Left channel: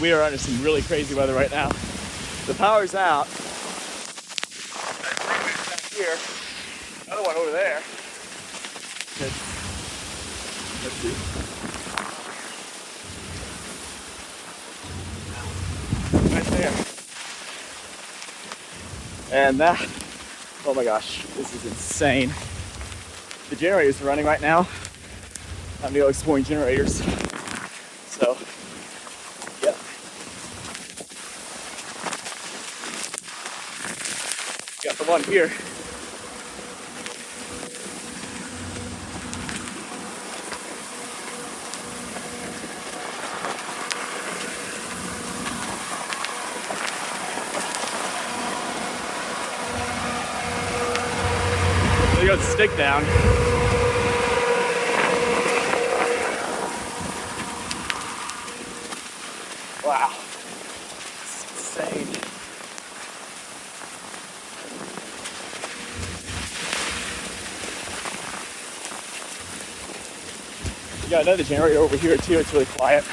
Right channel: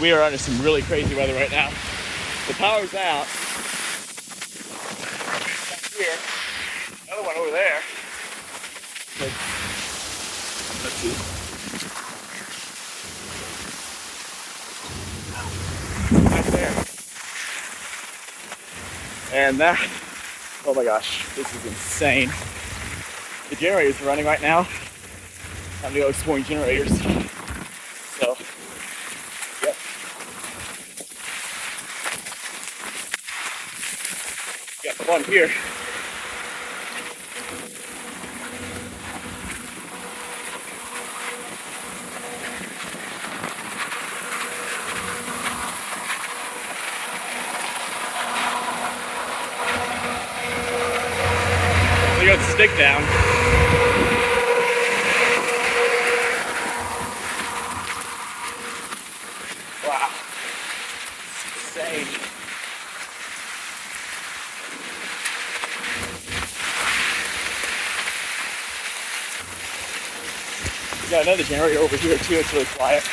We are under some really crazy weather right now. The power's out. Here, another one over there. Let's see. Right there. And that, oh my gosh, this is insane. The generators are running right now. I'm going to go exploring generators. So, yeah. Got the one here. We got the stick down. Wow. It's insane. We got another generator over here too, it's really quiet.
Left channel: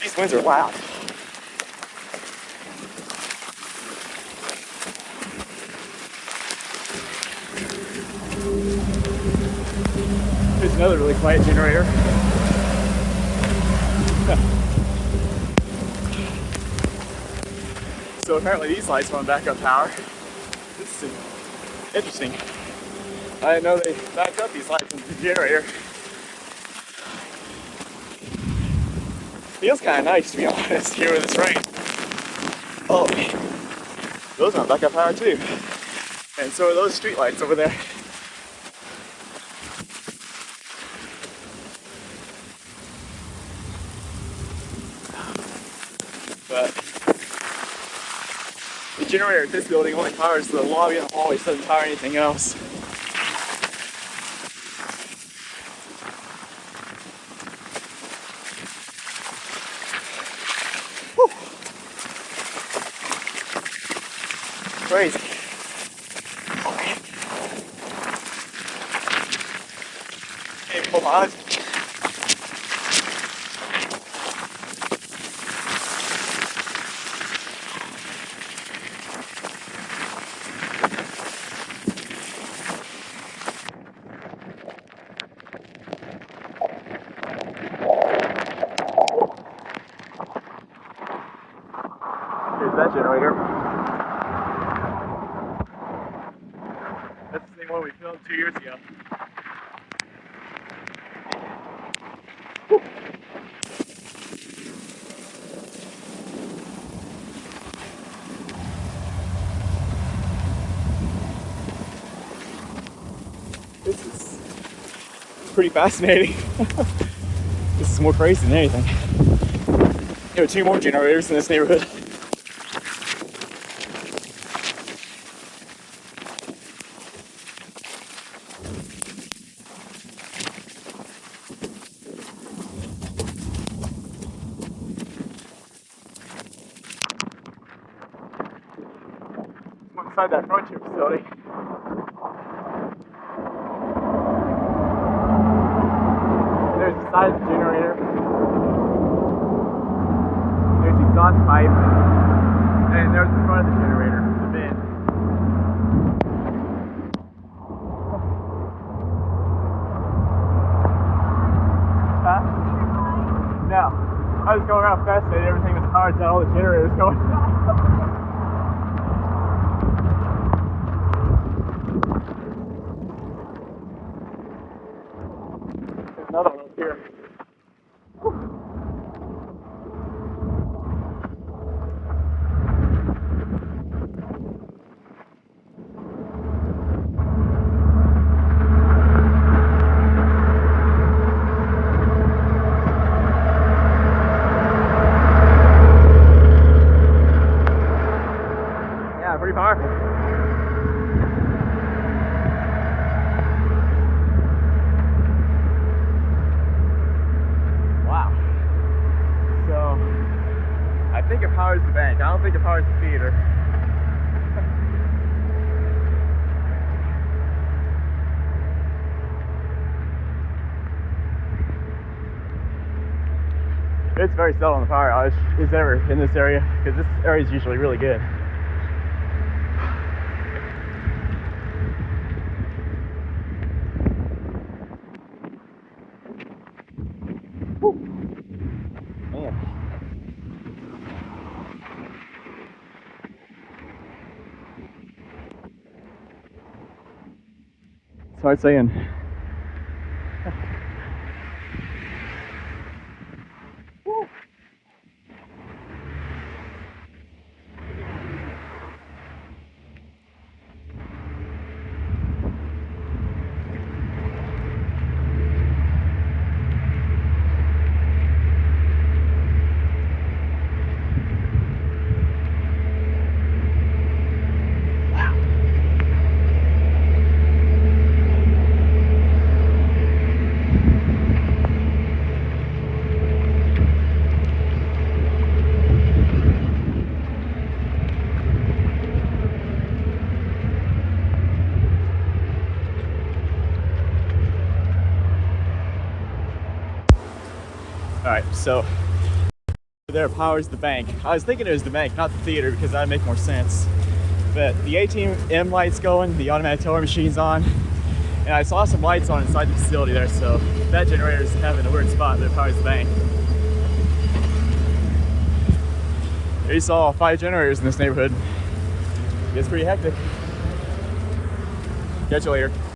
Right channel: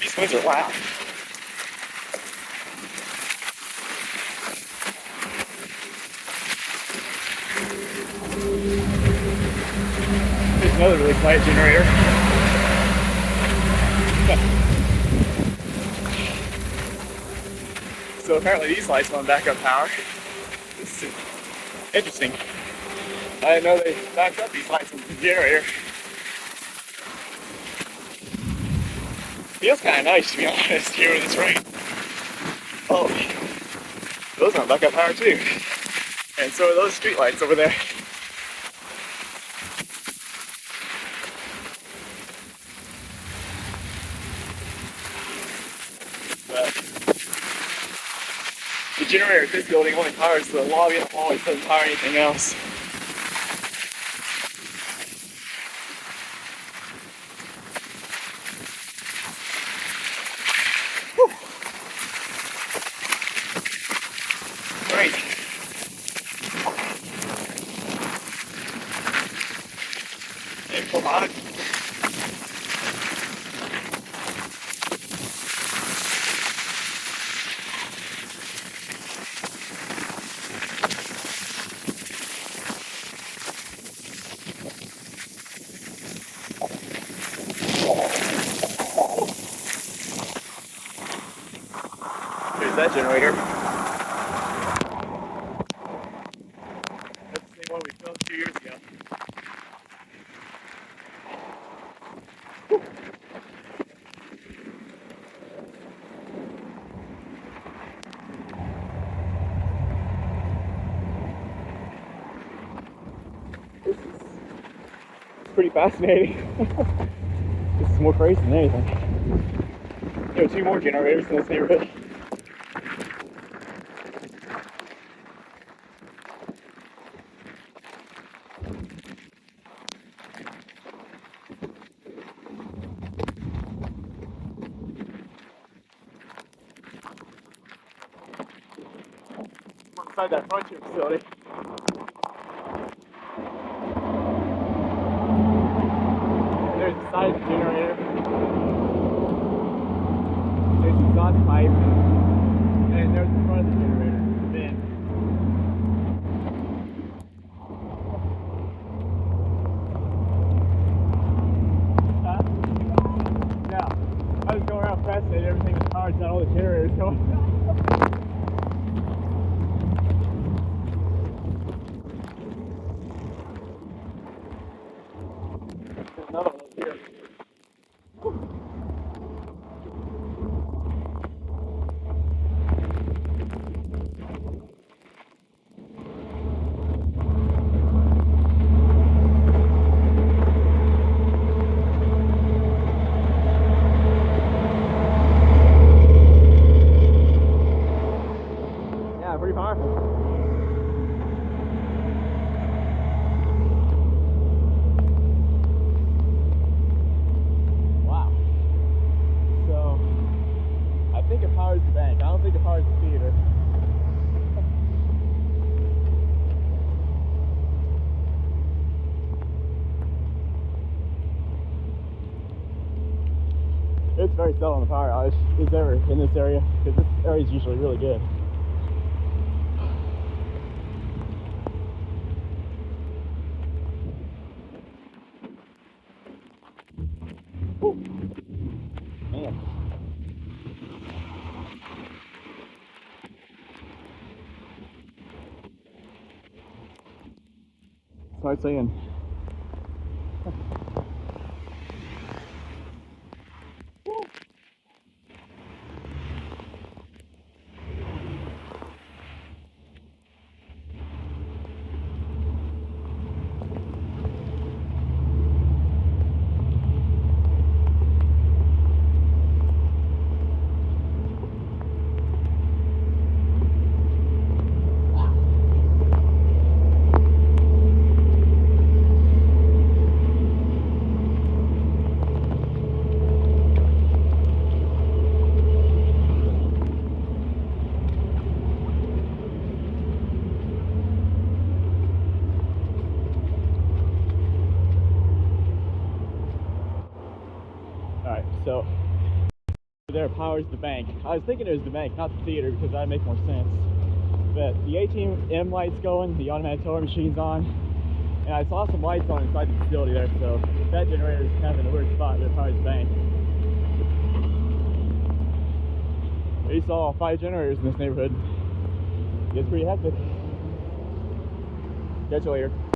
These winds are loud. There's another really quiet generator. So apparently these lights on backup power. This is interesting. I didn't know they backed up these lights in the generator. Feels kind of nice, to be honest, here with this rain. Oh, those are on backup power too. And so are those street lights over there. But the generator at this building only powers the lobby and the hallway, so it doesn't power anything else. Whew. Crazy. Hey, hold on. Here's that generator. That's the same one we filmed 2 years ago. This is pretty fascinating. This is more crazy than anything. There are 2 more generators in this neighborhood. Inside that frontier facility. There's the side of the generator. There's the exhaust pipe. And there's the front of the generator, the bin. Huh? No. I was going around fascinated, everything was powered down, all the generators going. Another one over here. Yeah, pretty powerful. I think it powers the bank. I don't think it powers the theater. It's very seldom the power outage is ever in this area because this area is usually really good. Woo. Man. It's hard saying. Alright, so there powers the bank. I was thinking it was the bank, not the theater, because that'd make more sense. But the ATM light's going, the automatic teller machine's on, and I saw some lights on inside the facility there, so that generator's having a weird spot that powers the bank. There you saw 5 generators in this neighborhood. It's pretty hectic. Catch you later.